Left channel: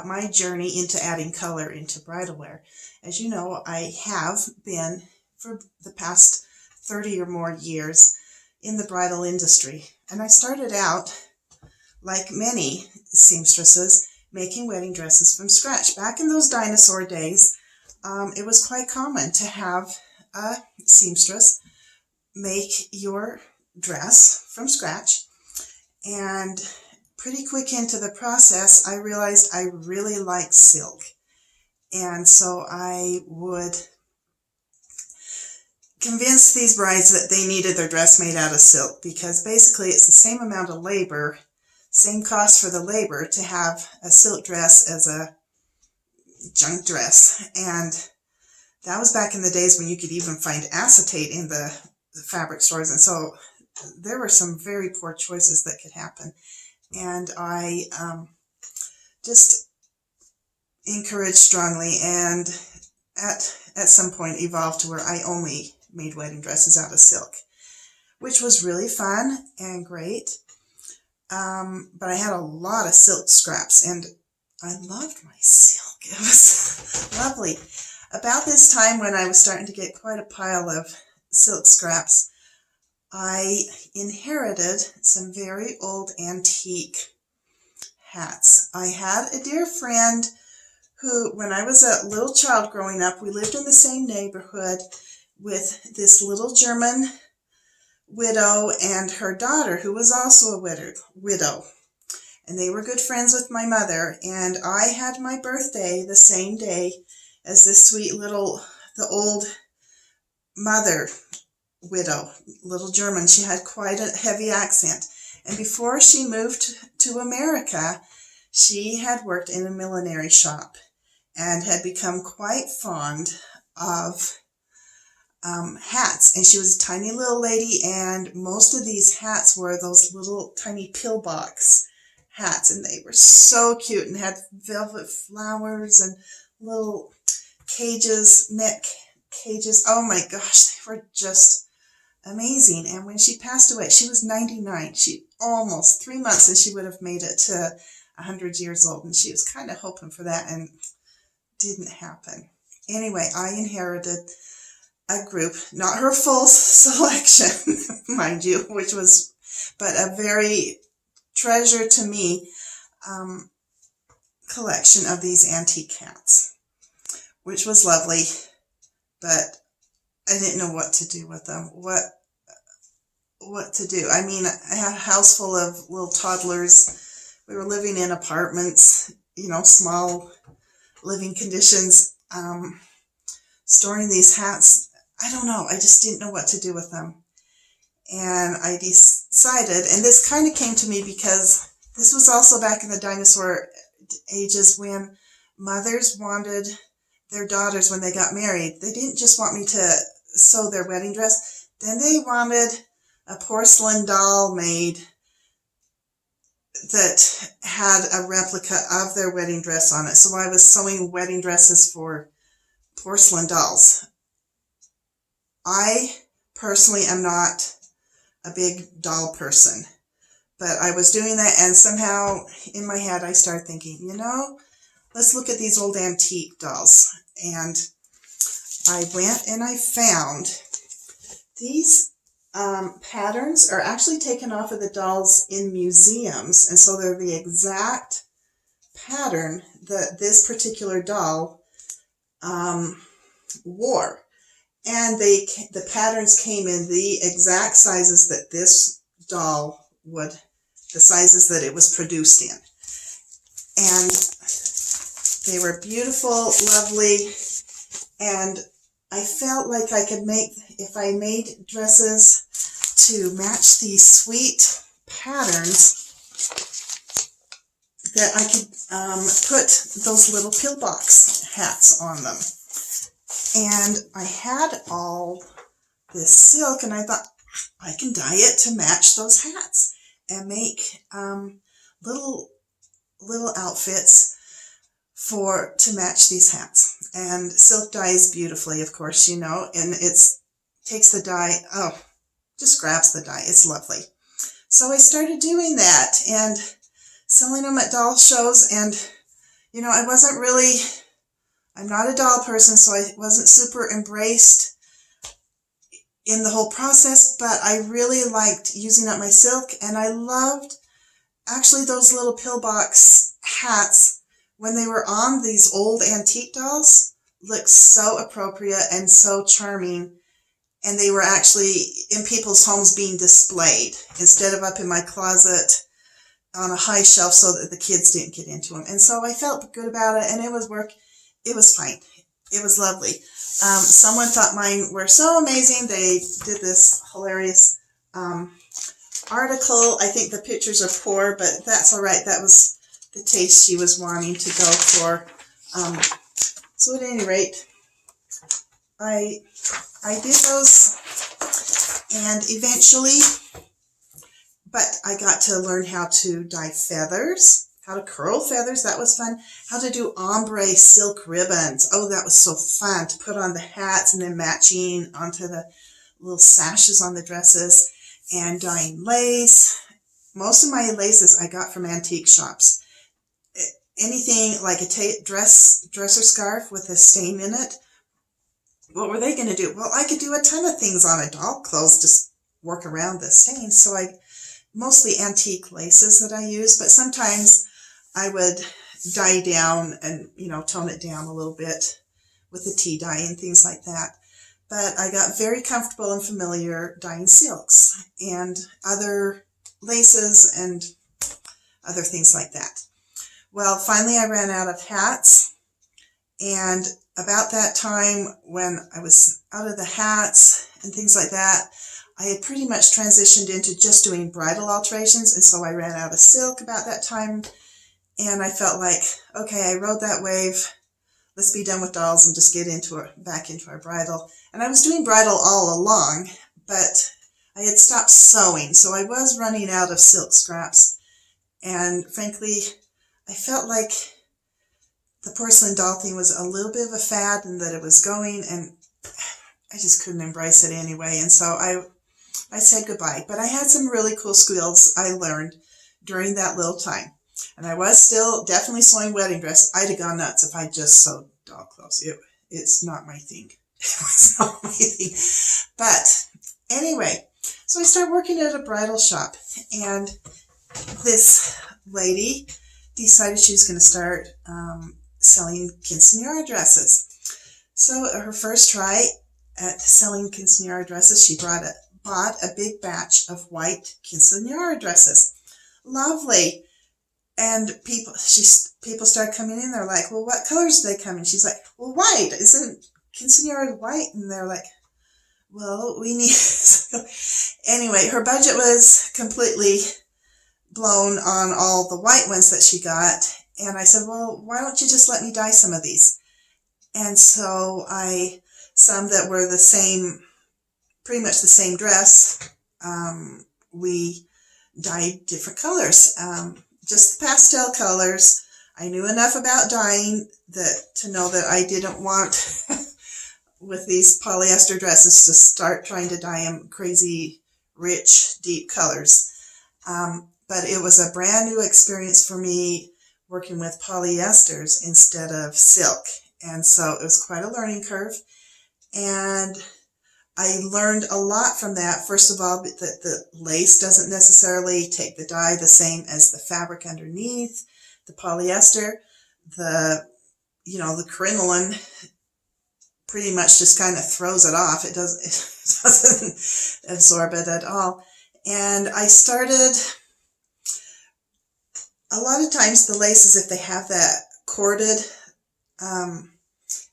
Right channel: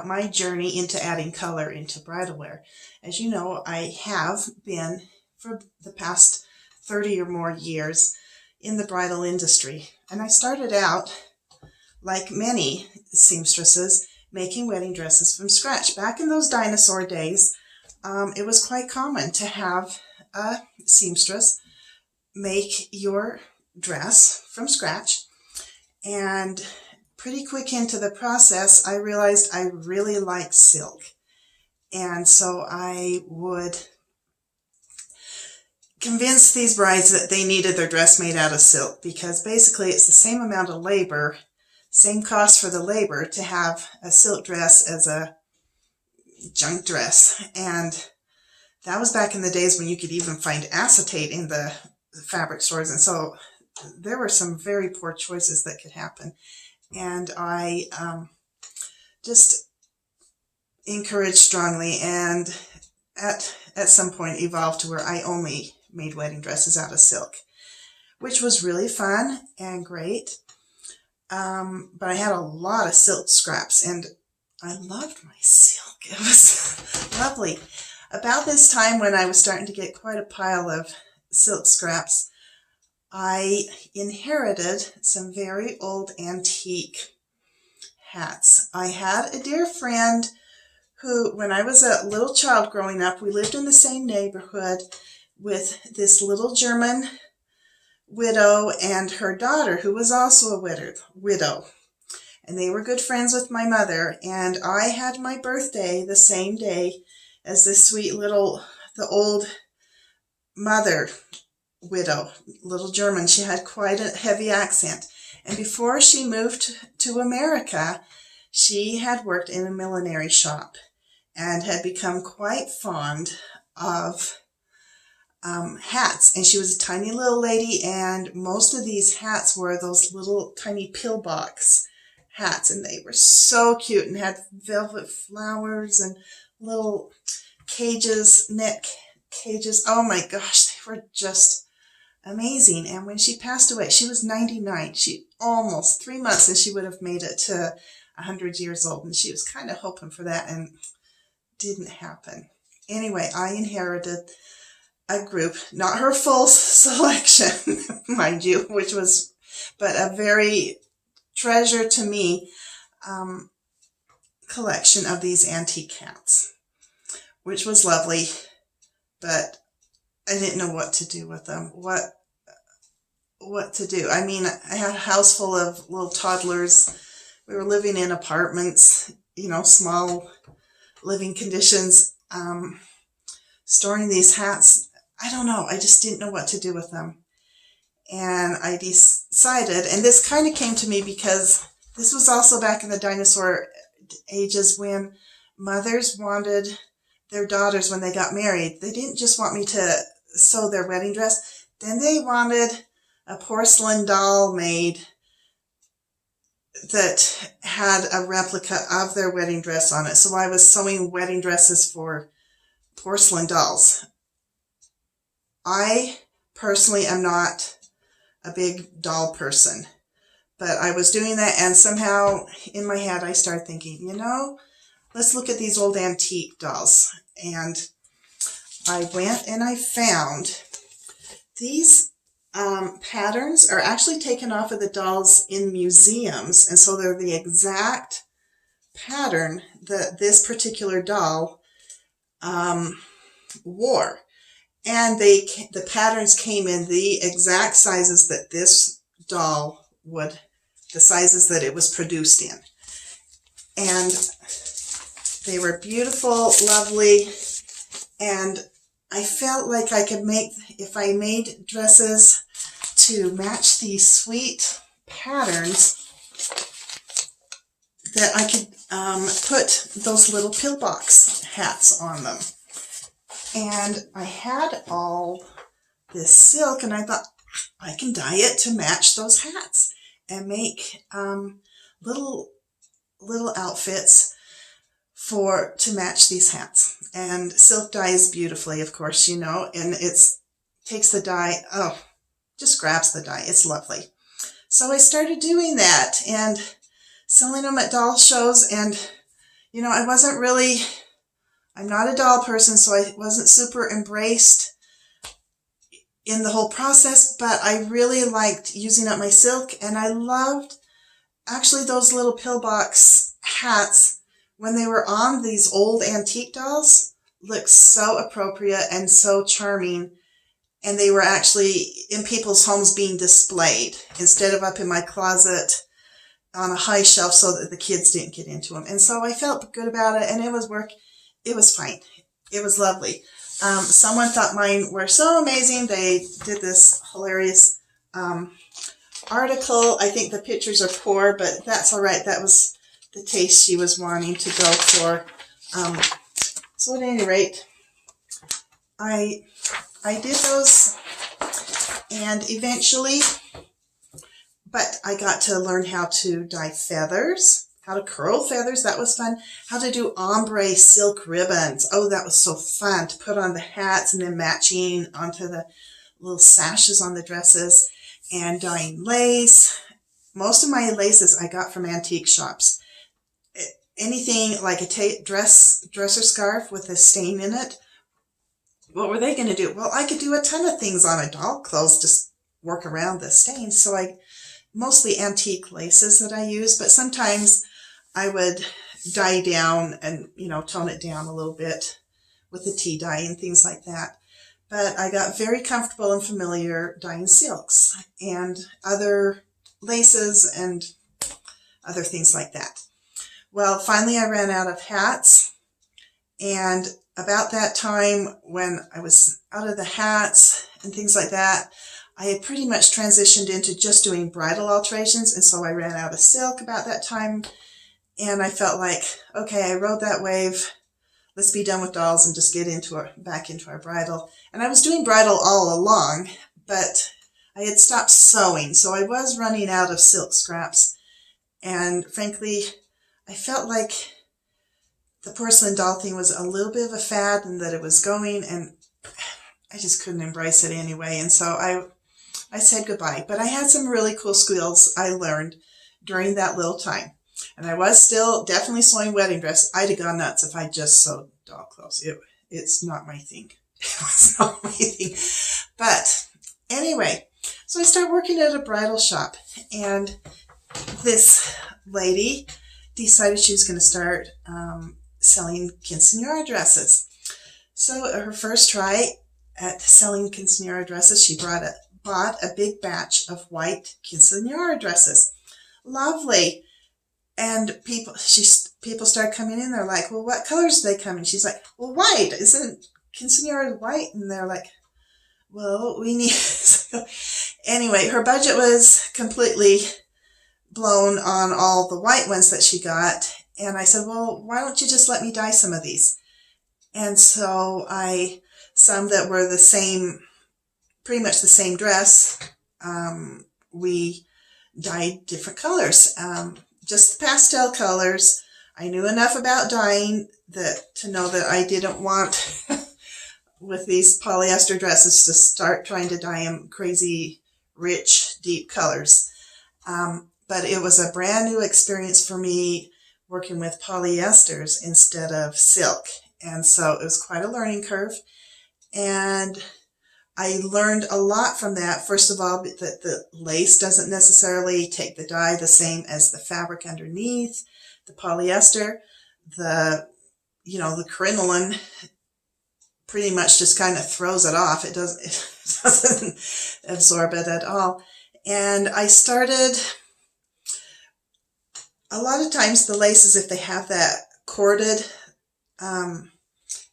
about my journey into adding color into bridal wear. As you know, I have been for the past 30 or more years in the bridal industry. And I started out, like many seamstresses, making wedding dresses from scratch. Back in those dinosaur days, it was quite common to have a seamstress make your dress from scratch. And pretty quick into the process, I realized I really like silk. And so I would convince these brides that they needed their dress made out of silk, because basically it's the same amount of labor, same cost for the labor to have a silk dress as a junk dress. And that was back in the days when you could even find acetate in the fabric stores. And so there were some very poor choices that could happen. And I just encouraged strongly, and at some point evolved to where I only made wedding dresses out of silk, which was really fun and great. But I had a lot of silk scraps, and I loved my silk. It was lovely. About this time, when I was starting to get quite a pile of silk scraps, I inherited some very old antique hats. I had a dear friend who, when I was a little child growing up, we lived in the same neighborhood with this little German widow and her daughter, who was also a widow. And they were good friends with my mother. And I had my birthday the same day as this sweet little, the old mother widow, little German. She had quite a heavy accent. And before she moved to America, she had worked in a millinery shop and had become quite fond of hats. And she was a tiny little lady, and most of these hats were those little tiny pillbox hats, and they were so cute and had velvet flowers and little cages, net cages. Oh my gosh, they were just amazing. And when she passed away, she was 99. She almost 3 months and she would have made it to 100 years old, and she was kind of hoping for that, and didn't happen. Anyway, I inherited a group, not her full selection, mind you, which was, but a very treasure to me collection of these antique hats, which was lovely, but I didn't know what to do with them. What to do? I mean, I had a house full of little toddlers. We were living in apartments, you know, small living conditions. Storing these hats, I don't know. I just didn't know what to do with them. And I decided, and this kind of came to me because this was also back in the dinosaur ages when mothers wanted their daughters, when they got married, they didn't just want me to sew their wedding dress. Then they wanted a porcelain doll made that had a replica of their wedding dress on it. So I was sewing wedding dresses for porcelain dolls. I personally am not a big doll person, but I was doing that, and somehow in my head I started thinking, you know, let's look at these old antique dolls. And I went and I found these patterns are actually taken off of the dolls in museums, and so they're the exact pattern that this particular doll wore. And the patterns came in the exact sizes that this doll would, the sizes that it was produced in. And they were beautiful, lovely, and I felt like I could make, if I made dresses to match these sweet patterns, that I could put those little pillbox hats on them. And I had all this silk, and I thought, I can dye it to match those hats and make little outfits to match these hats. And silk dyes beautifully, of course, you know, and takes the dye, just grabs the dye. It's lovely. So I started doing that and selling them at doll shows, and you know, I'm not a doll person, so I wasn't super embraced in the whole process, but I really liked using up my silk, and I loved actually those little pillbox hats when they were on these old antique dolls. Looked so appropriate and so charming, and they were actually in people's homes being displayed instead of up in my closet on a high shelf so that the kids didn't get into them. And so I felt good about it, and it was fine. It was lovely. Someone thought mine were so amazing. They did this hilarious article. I think the pictures are poor, but that's all right. That was the taste she was wanting to go for. So at any rate, I did those, and eventually, but I got to learn how to dye feathers, how to curl feathers. That was fun. How to do ombre silk ribbons. Oh, that was so fun to put on the hats and then matching onto the little sashes on the dresses, and dyeing lace. Most of my laces I got from antique shops. Anything like a dresser scarf with a stain in it, what were they going to do? Well, I could do a ton of things on a doll clothes, just work around the stains. So mostly antique laces that I use, but sometimes I would dye down and, you know, tone it down a little bit with the tea dye and things like that. But I got very comfortable and familiar dyeing silks and other laces and other things like that. Well, finally I ran out of hats, and about that time when I was out of the hats and things like that, I had pretty much transitioned into just doing bridal alterations, and so I ran out of silk about that time, and I felt like, okay, I rode that wave. Let's be done with dolls and just get back into our bridal. And I was doing bridal all along, but I had stopped sewing, so I was running out of silk scraps, and frankly, I felt like the porcelain doll thing was a little bit of a fad and that it was going, and I just couldn't embrace it anyway. And so I said goodbye. But I had some really cool skills I learned during that little time. And I was still definitely sewing wedding dresses. I'd have gone nuts if I just sewed doll clothes. It's not my thing. It was not my thing. But anyway, so I started working at a bridal shop, and this lady decided she was going to start selling quinceañera dresses. So her first try at selling quinceañera dresses, she bought a big batch of white quinceañera dresses. Lovely. And people started coming in. They're like, well, what colors do they come in? She's like, well, white. Isn't quinceañera white? And they're like, well, we need... So anyway, her budget was completely blown on all the white ones that she got. And I said, well, why don't you just let me dye some of these? And so some that were the same, pretty much the same dress, we dyed different colors, just pastel colors. I knew enough about dyeing to know that I didn't want, with these polyester dresses, to start trying to dye them crazy, rich, deep colors. But it was a brand new experience for me working with polyesters instead of silk. And so it was quite a learning curve. And I learned a lot from that. First of all, that the lace doesn't necessarily take the dye the same as the fabric underneath. The polyester, the crinoline pretty much just kind of throws it off. It doesn't absorb it at all. And I started... A lot of times the laces, if they have that corded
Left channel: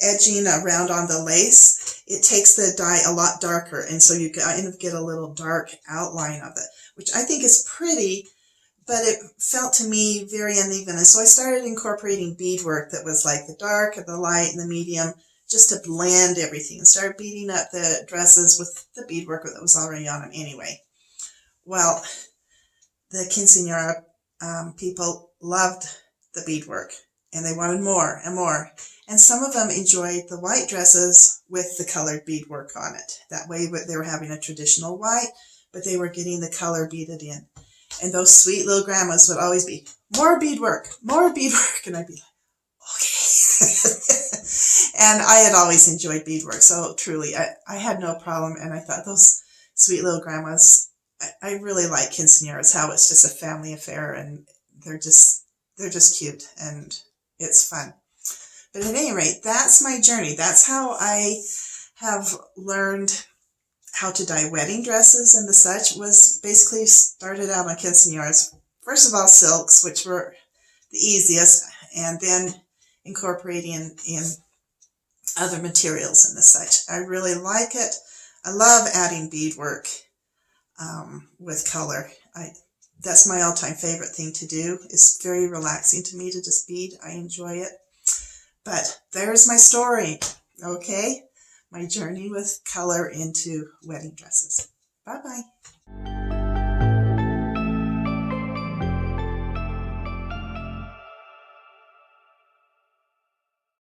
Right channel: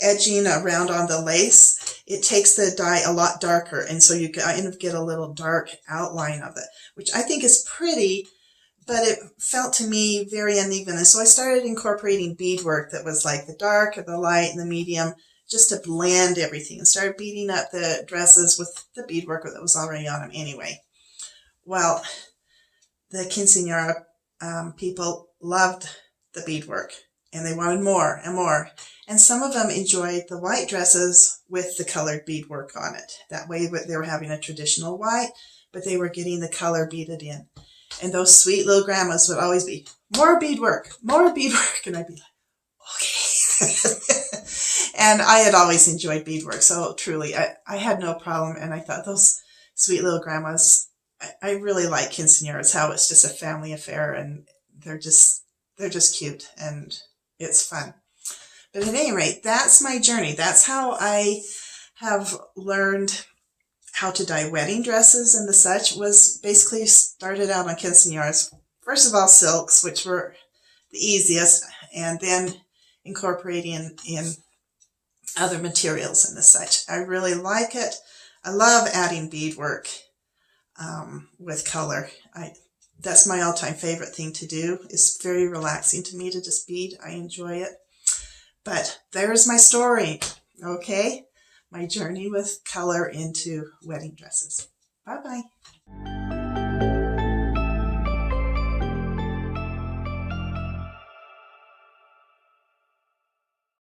edging around on the lace, it takes the dye a lot darker. And so you kind of get a little dark outline of it, which I think is pretty, but it felt to me very uneven. And so I started incorporating beadwork that was like the dark, the light, and the medium, just to blend everything, and started beading up the dresses with the beadwork that was already on them anyway. Well, the quinceañera people loved the beadwork, and they wanted more and more. And some of them enjoyed the white dresses with the colored beadwork on it. That way they were having a traditional white, but they were getting the color beaded in. And those sweet little grandmas would always be, more beadwork, more beadwork. And I'd be like, okay. And I had always enjoyed beadwork, so truly, I had no problem. And I thought those sweet little grandmas, I really like quinceañeras, how it's just a family affair, and they're just cute, and it's fun. But at any rate, that's my journey. That's how I have learned how to dye wedding dresses and the such. Was basically started out on quinceañeras. First of all, silks, which were the easiest, and then incorporating in other materials and the such. I really like it. I love adding beadwork with color. That's my all-time favorite thing to do. It's very relaxing to me to just bead. I enjoy it. But there's my story, okay? My journey with color into wedding dresses. Bye-bye.